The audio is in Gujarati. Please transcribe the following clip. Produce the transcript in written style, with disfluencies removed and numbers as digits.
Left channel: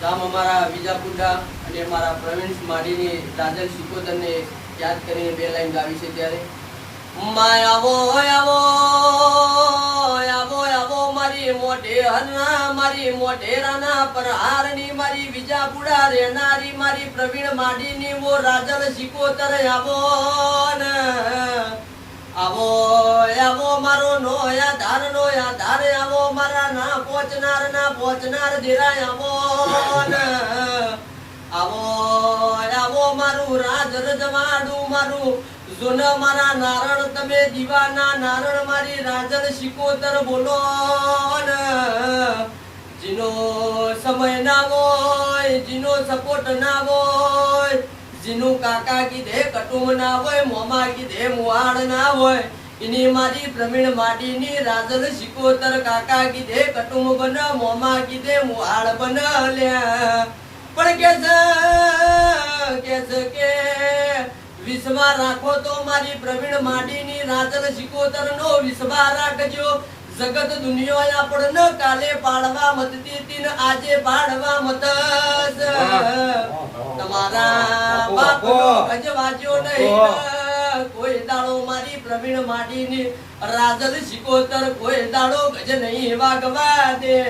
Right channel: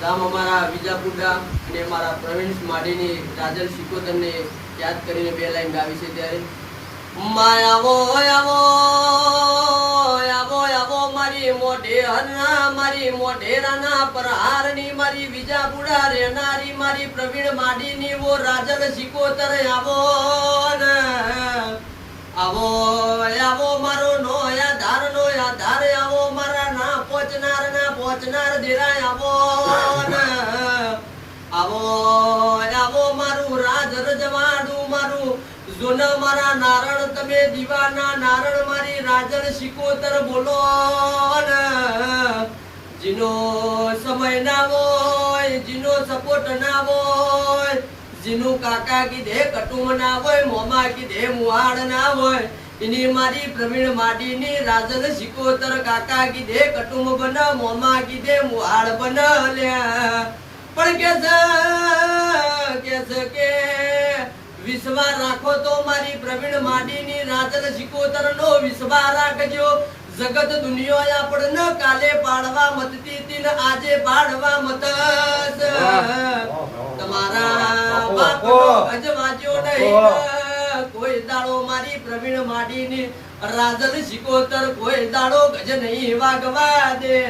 ગામ અમારા વિજાપુરા અને મારા પ્રવીણ માડીની રાજલ શિકોતરને યાદ કરીને બે લાઈન ગાવી છે ત્યારે આવો આવો આવો આવો મારી મોઢે હરના મારી મોઢેરાના પ્રહારની મારી વિજાપુરા રહેનારી મારી પ્રવીણ માડીની વો રાજલ શિકોતર આવો ને આવો આવો મારો નો આધાર આવો મારા ના પહોંચનાર દેરા આવો ને આવો આવો મારું રાજ રજવાડું મારું જોન મારા નારણ તમે દીવાના નારણ મારી રાજલ શિકોતર બોલો ને જીનો સમય ના હોય જીનો સપોર્ટ ના હોય જીનું કાકા કીધે કટુંબ ના હોય મોમા કીધે મુવાડ ના હોય એની મારી પ્રવીણ માડીની રાજલ શિકોતર કાકા કીધે કટુંબ બન મોમા કીધે મુવાડ બન લ્યા પણ કે વિશ્વાસ રાખો તો મારી પ્રવીણ માડીની રાજલ શિકોતર નો વિશ્વાસ રાખજો જગત દુનિયો આપણને કાલે પાડવા મતતી તીન આજે પાડવા મત તમારા બાપનો અજવાજો નહીં કોઈ દાડો મારી પ્રવીણ માડીની રાજલ શિકોતર કોઈ દાડો ગજ નહીં વાગવા દે।